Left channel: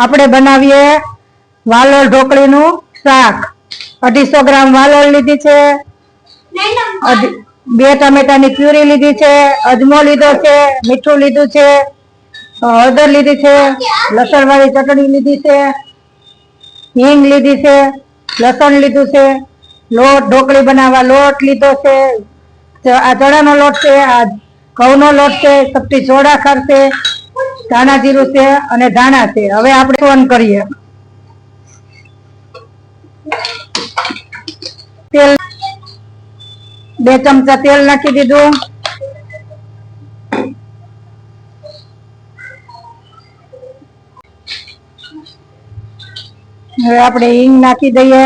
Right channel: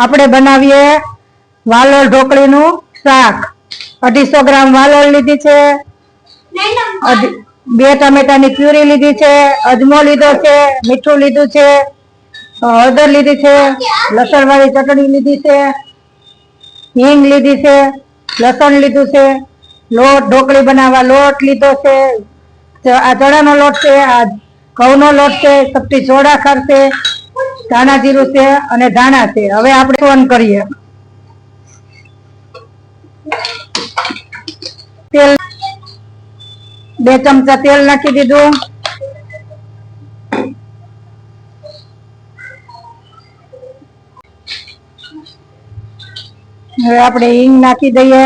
આપણે બનાવીએ વાલોળ ઢોકળીનું શાક. અઢીસો ગ્રામ વાલોળ લીધી છે. બે ટામેટાની પ્યુરી લીધી છે. અજમો લીધો છે. મીઠું લીધું છે. હળદર લીધી છે. લસણ વાળી ચટણી લીધી છે. હિંગ લીધી છે. લસણ લીધું છે. લોટ, ઢોકળી બનાવવા લોટ લીધો છે. આ ચણાનો લોટ છે. આ ઘઉંનો લોટ છે. સપટી સોડા ખાર ધાણા જીરું છે અને ધાણા છે. હવે આપણે ઓન કરીએ. તેલ બે ચમચા તેલ નાખી દીધું. હવે આપણે હિંગ નાખી દઈએ.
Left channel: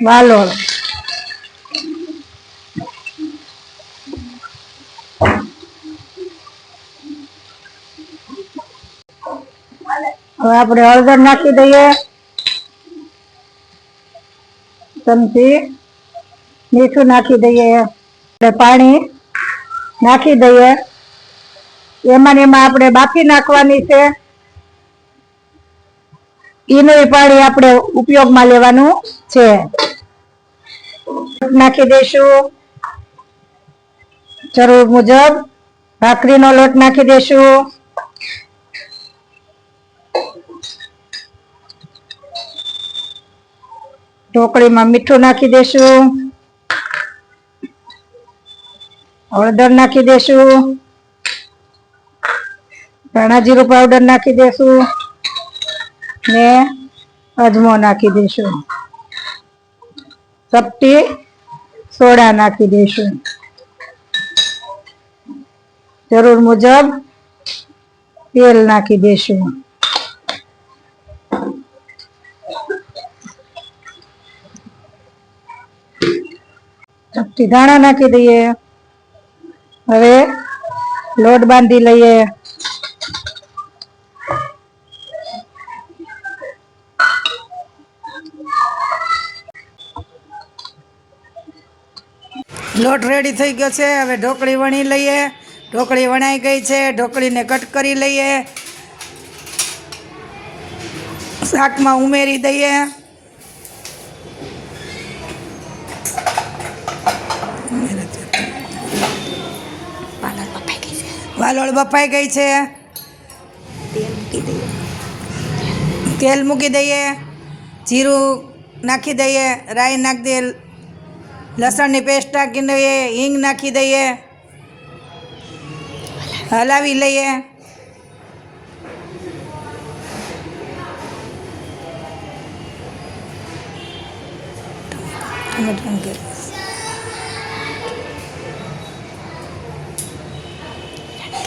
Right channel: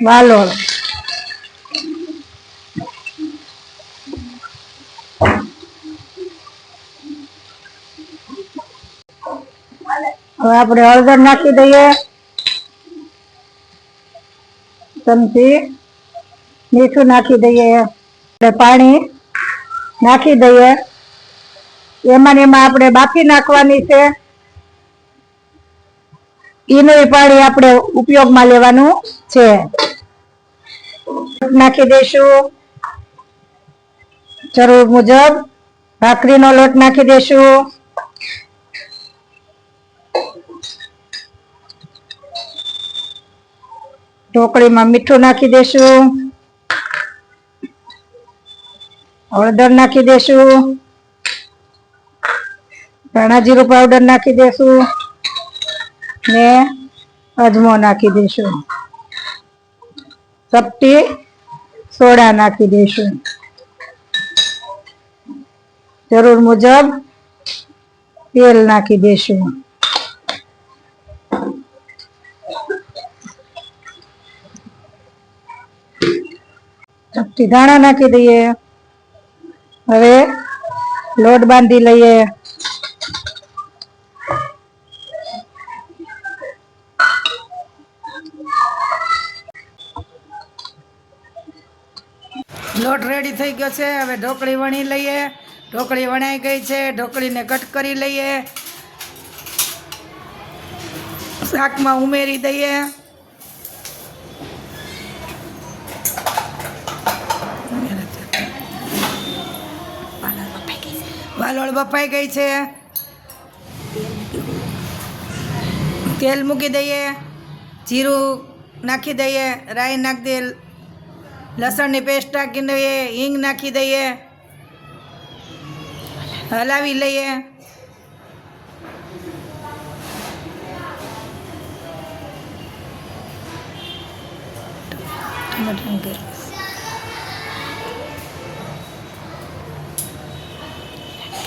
વાલોળ હવે આપણે હળદર નાખી દઈએ. ચમચી. મીઠું નાખી દઈએ. પાણી નાખી દઈએ. એમાં એમાં આપણે બાફી નાખવાની છે. એનું પાણી આપણે ઉપયોગમાં લેવાનું છે. નાખી દઈશું જરૂર મુજબ ભાખરીનો લોટ નાખી દઈશું ઢોકળીમાં મીઠું નાખી દઈશું હળદર નાખી દઈશું ધાણા જીરું પાવડર નાખી દઈશું ને અજમો નાખી દઈશું ચપટી સોડા નાખી દઈશું જરૂર મુજબ તેલ નાખી દઈશું ધાણા નાખી દઈએ. હવે લોટ બાંધી લઈએ. લોટ રેડી થઈ ગયો છે. હવે ઢોકળી વણી લઈએ. ઢોકળી વણાઈ ગઈ છે. ઢોકળીને કટ કરી લઈએ. શાકમાં ઉમેરી દઈએ. વાલોળ બફાઈ ગઈ છે. તેલ મૂકી દઈએ. જીરું નાખી દઈએ. રાઈ નાખી દઈએ. લસણની પેસ્ટ નાખી દઈએ હિંગ નાખી દઈએ. હલાવી લઈએ.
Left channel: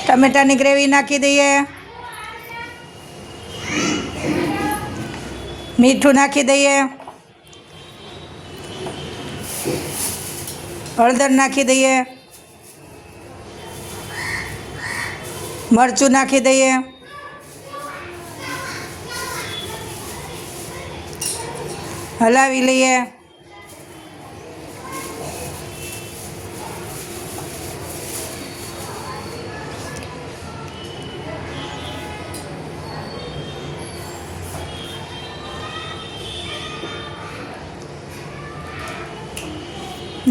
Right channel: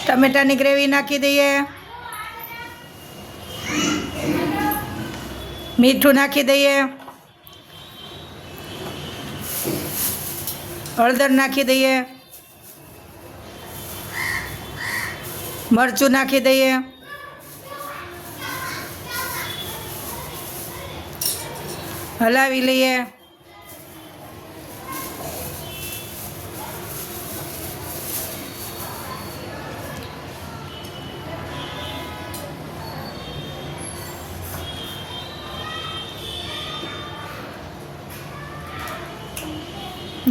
ટમેટાની ગ્રેવી નાખી દઈએ. મીઠું નાખી દઈએ. હળદર નાખી દઈએ. મરચું નાખી દઈએ. હલાવી લઈએ.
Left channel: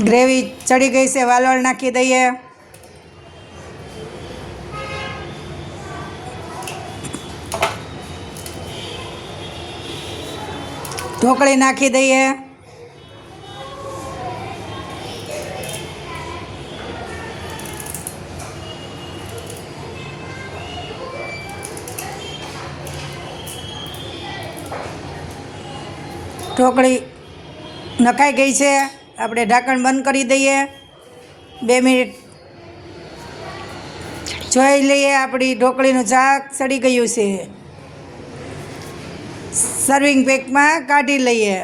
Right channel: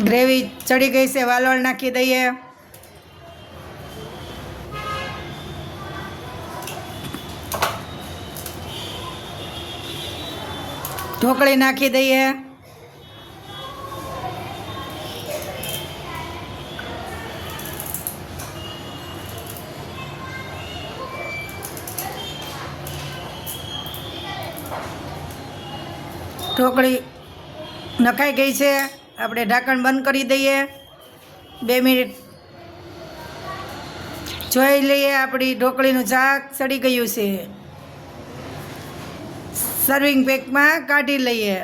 ગ્રેવી ચડી ગઈ છે વાલોળ નાખી દઈએ. ઢોકળી નાખી દઈએ. ઢોકળી નખાઈ ગઈ છે. આપણે ઢાંકણ બંધ કરી દઈએ. બે મિનિટ. જોઈ લઈએ આપણી ઢોકળીનું શાક સડી ગયું છે. સર્વિંગ પેકમાં કાઢી લઈએ.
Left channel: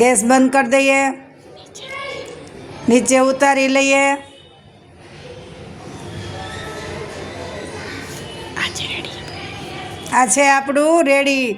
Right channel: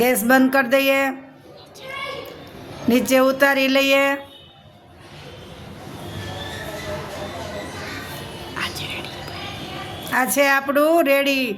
ગેસ બંધ કરી દઈએ. નીચે ઉતારી લઈએ. આ છે આપણું રેડી.